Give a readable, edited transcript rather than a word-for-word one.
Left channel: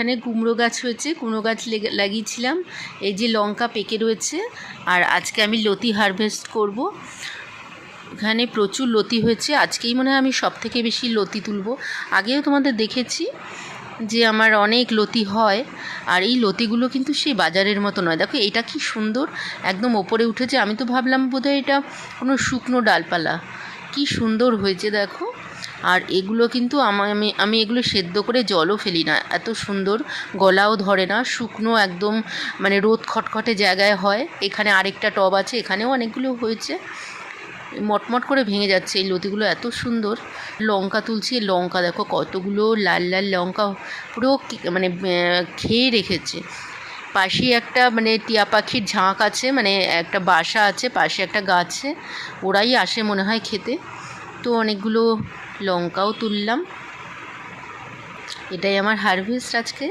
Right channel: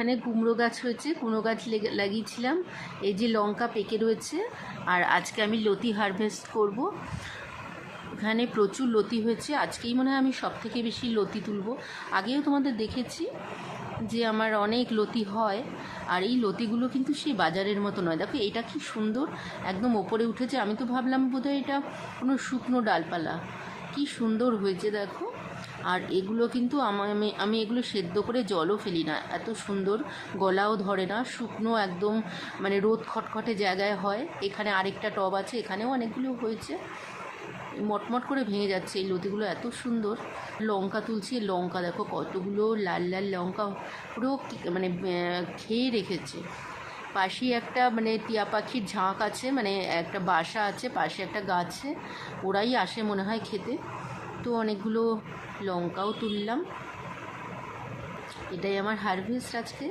এখানে কুমড়ো গাছ হয়েছে, কুমড়ো গাছ লাগিয়েছিলাম। এই যে লঙ্কা পেকে রয়েছে, আর আজকে আমি লতি হারভেস্ট করব। এখানে প্রচুর লতি হয়েছে, আজকেই মনে হয় আমি সবথেকে বেশি লতি তুলব। আগেও তোমাদের দেখেছি যে আমার অনেক লতি হয়, আর এই লতিগুলো কিন্তু সেই বাজারের মতো নয়। দেখো এটা কি সুন্দর, একদম ওপরে উঠেছে। আমি তো ভাবলাম বোধহয় এটা কোনো শুকনো ডালপালা। কি সুন্দর হয়েছে দেখো। আর এগুলো কিন্তু আমি এগুলো সেদ্ধ করে জলও ফেলি না, এত সুন্দর, গলাও ধরে না, শুকনো একদম মানে রোদ খটখটে জায়গায় হয়। এখানে আরেকটা টব আছে, এখানেও অনেকগুলো হয়েছে, মটমট করে ভেঙে যাচ্ছে। এই লতিগুলো এত সুন্দর। লঙ্কা তুলছি, লঙ্কা দেখো কতগুলো লাল লাল লঙ্কা, পুরো মানে খেয়ে রেখেছে। পাশে একটা মানে টিয়া পাখির ঝাঁক আছে, মানে একটা বাসা আছে পাশে একটা গাছে, ওরাই আসে মনে হয় খেতে। তো অনেকগুলো লঙ্কাও তুললাম। এটাই আমার হারভেস্ট আজকে।